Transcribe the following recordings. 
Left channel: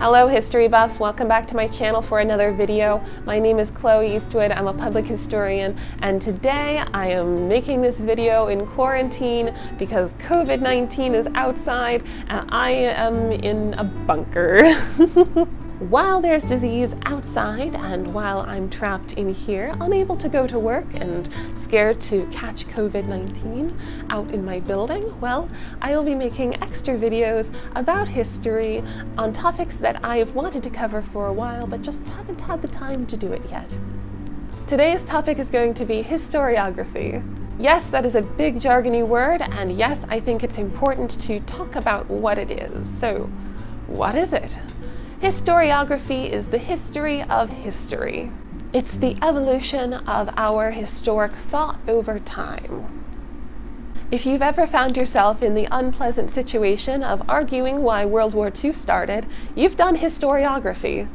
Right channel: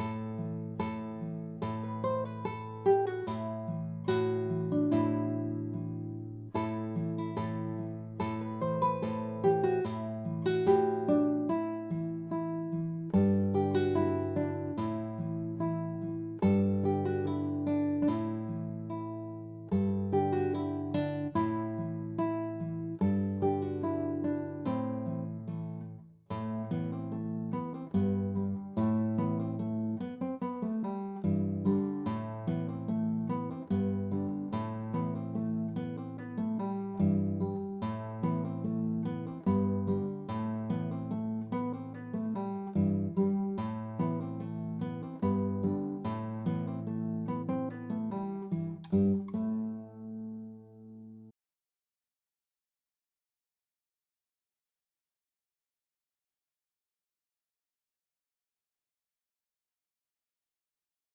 Hello history buffs, welcome back to my channel for another video. My name is Chloe Eastwood, I'm a public historian, and today I am making this video in quarantine because COVID-19 is outside and I am in a bunker. While there's disease outside and while I'm trapped in here, unable to go to work and scared to catch COVID-19 out in my building, well, I will be making extra videos about history on topics that I've wanted to cover for a while but just haven't had the time to do it yet. Today's topic is going to be historiography. Yes, that is a big jargony word, and yes, I think it's important to talk about what it is. So, what is it? Historiography is the history of history. It's the evolution of our historic thought over time. If you've ever found yourself in the unpleasant situation of arguing why World War II started, you've done historiography.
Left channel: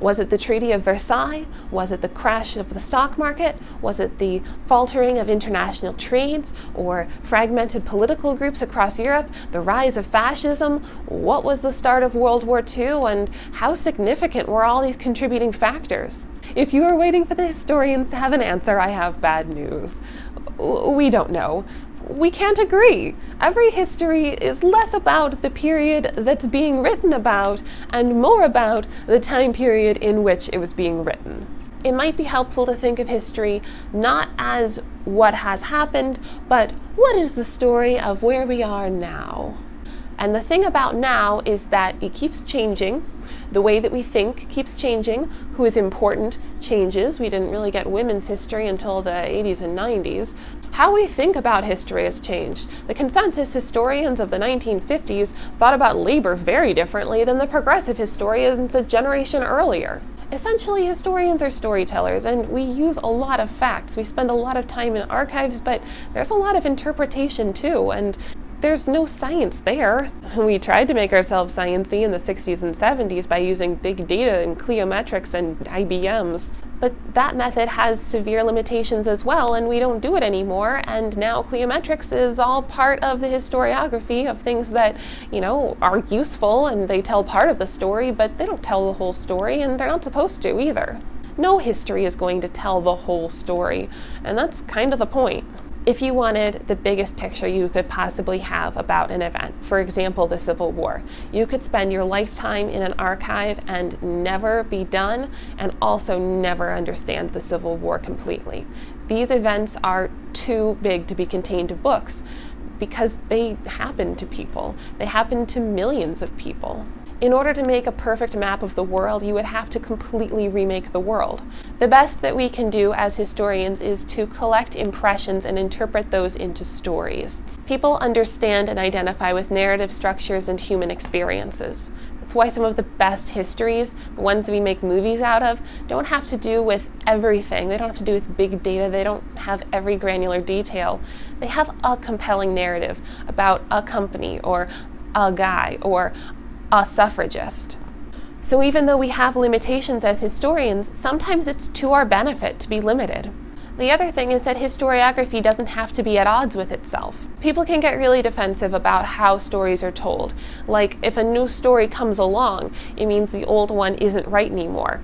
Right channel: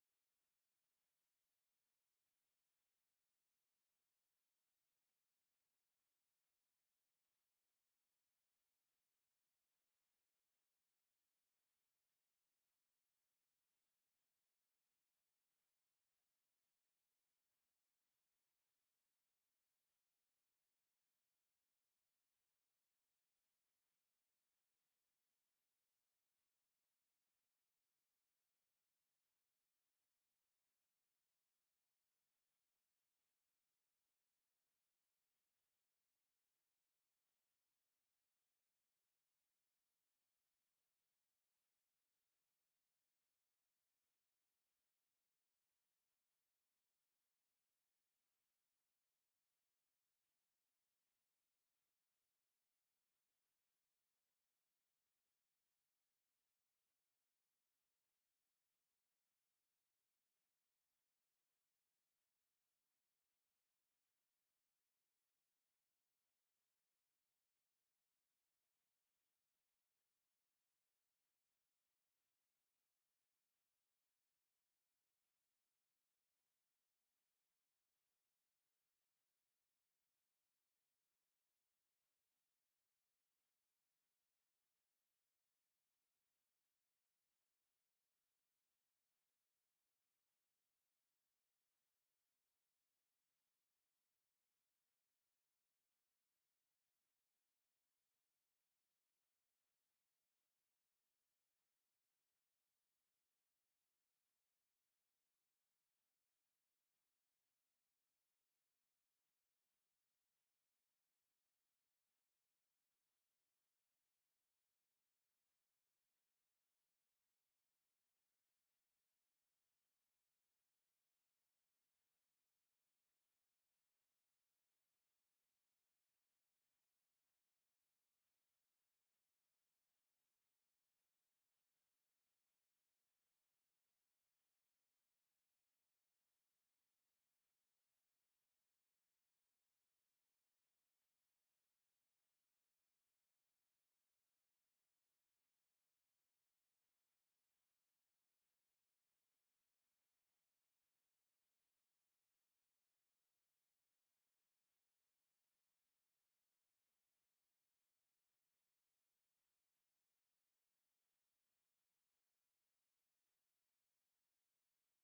Was it the Treaty of Versailles? Was it the crash of the stock market? Was it the faltering of international trades or fragmented political groups across Europe? The rise of fascism? What was the start of World War II and how significant were all these contributing factors? If you are waiting for the historians to have an answer, I have bad news. We don't know. We can't agree. Every history is less about the period that's being written about and more about the time period in which it was being written. It might be helpful to think of history not as what has happened, but what is the story of where we are now? And the thing about now is that it keeps changing. The way that we think keeps changing. Who is important changes. We didn't really get women's history until the 80s and 90s. How we think about history has changed. The consensus historians of the 1950s thought about labor very differently than the progressive historians a generation earlier. Essentially, historians are storytellers, and we use a lot of facts. We spend a lot of time in archives, but there's a lot of interpretation too, and there's no science there. We tried to make ourselves sciencey in the 60s and 70s by using big data and cliometrics and IBMs. But that method has severe limitations as well, and we don't do it anymore, and now cliometrics is all part of the historiography of things that, are useful and they tell part of the story, but they don't tell the whole story, and they're not supposed to either. No history is going to tell the whole story, and that's kind of the point. If you wanted the biggest picture you could possibly have about an event, for example, the Civil War, you could spend your lifetime in an archive and never be done, and also never understand the Civil War completely. These events are too big to be contained to books because they happen to people. They happen to millions of people. In order to make a perfect map of the world, you would have to completely remake the world. The best that we can do as historians is to collect impressions and interpret those into stories. People understand and identify with narrative structures and human experiences. That's why some of the best histories, the ones that we make movies out of, don't have to do with everything. They don't have to do with big data. They don't have every granular detail. They have a compelling narrative about a company or a guy or a suffragist. So even though we have limitations as historians, sometimes it's to our benefit to be limited. The other thing is that historiography doesn't have to be at odds with itself. People can get really defensive about how stories are told. Like, if a new story comes along, it means the old one isn't right anymore.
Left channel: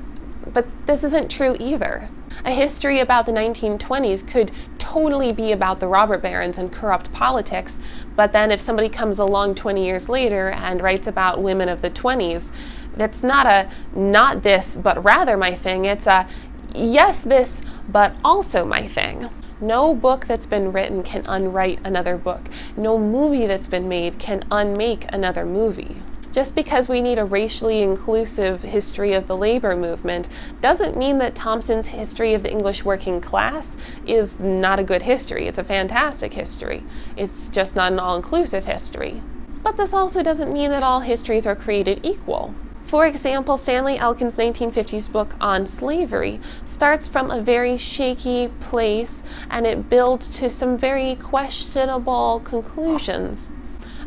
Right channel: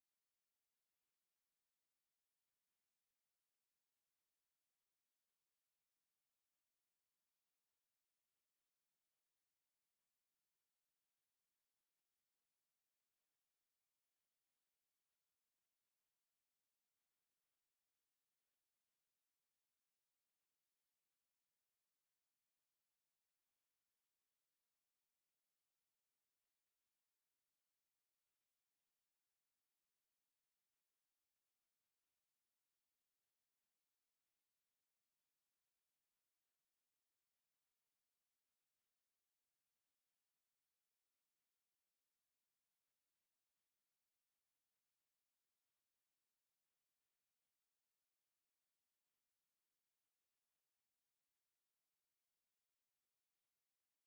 But this isn't true either. A history about the 1920s could totally be about the robber barons and corrupt politics, but then if somebody comes along 20 years later and writes about women of the 20s, that's not a not this but rather my thing, it's a yes this but also my thing. No book that's been written can unwrite another book. No movie that's been made can unmake another movie. Just because we need a racially inclusive history of the labor movement doesn't mean that Thompson's history of the English working class is not a good history. It's a fantastic history. It's just not an all-inclusive history. But this also doesn't mean that all histories are created equal. For example, Stanley Elkin's 1950s book on slavery starts from a very shaky place and it builds to some very questionable conclusions.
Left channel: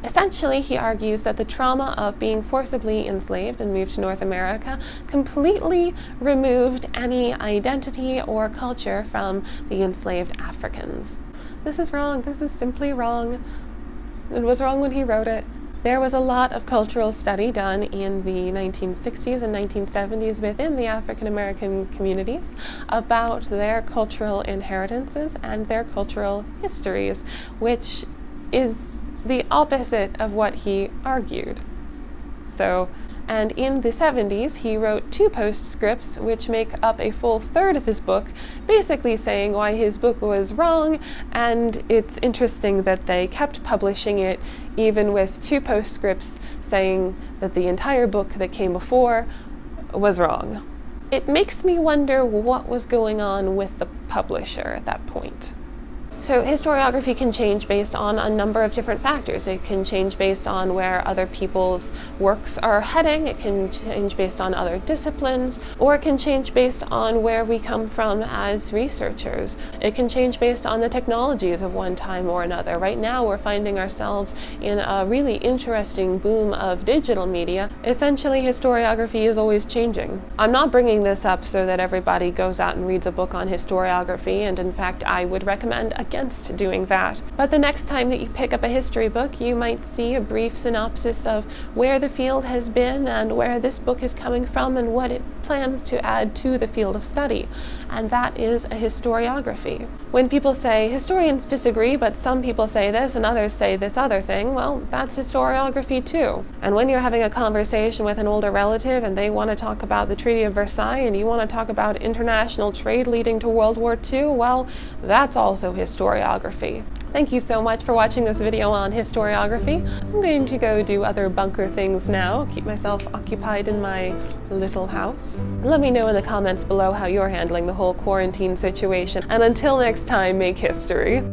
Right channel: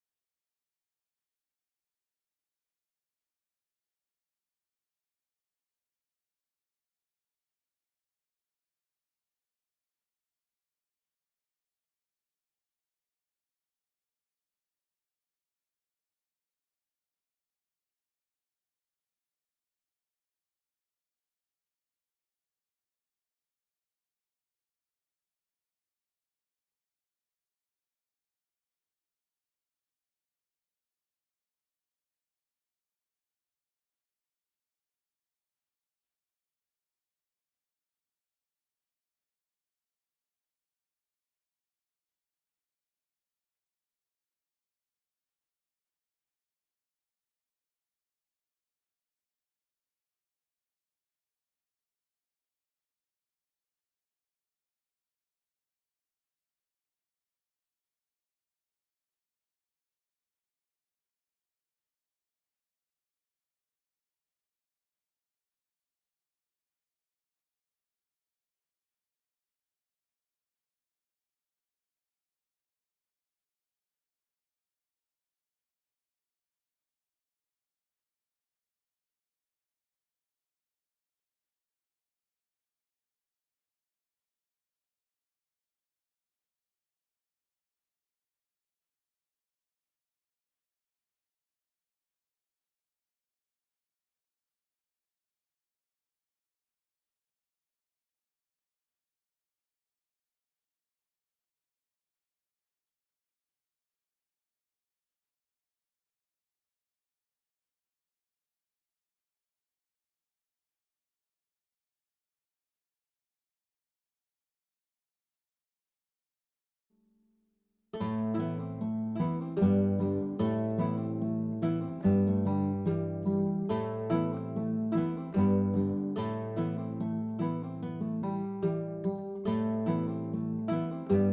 Essentially, he argues that the trauma of being forcibly enslaved and moved to North America completely removed any identity or culture from the enslaved Africans. This is wrong. This is simply wrong. It was wrong when he wrote it. There was a lot of cultural study done in the 1960s and 1970s within the African American communities about their cultural inheritances and their cultural histories, which is the opposite of what he argued. And in the 70s, he wrote 2 postscripts, which make up a full third of his book, basically saying why his book was wrong, and it's interesting that they kept publishing it even with 2 postscripts saying that the entire book that came before was wrong. It makes me wonder what was going on with the publisher at that point. So historiography can change based on a number of different factors. It can change based on where other people's works are heading, it can change based on other disciplines, or it can change based on where we come from as researchers. It can change based on the technologies of one time or another. Right now we're finding ourselves in a really interesting boom of digital media. Essentially, historiography is always changing. I'm not bringing this up so that everybody goes out and reads a book on historiography, and in fact I would recommend against doing that. But the next time that you pick up a history book, you might see a brief synopsis of where the field has been and where this book is coming from and what it plans to add to the field of study. And that is a historiography. When people say historians disagree, but some people say this and others say this other thing, well, that's historiography too. And when you're having a conversation with an older relative and they want to talk about the Treaty of Versailles and you want to talk about international trade leading to World War II, well, that's also historiography. Thank you so much for watching this video on historiography. I'm going to go do other bunker things now, keep myself occupied in my little house. Let me know in the comments below how you're handling the whole quarantine situation, and until next time, make history.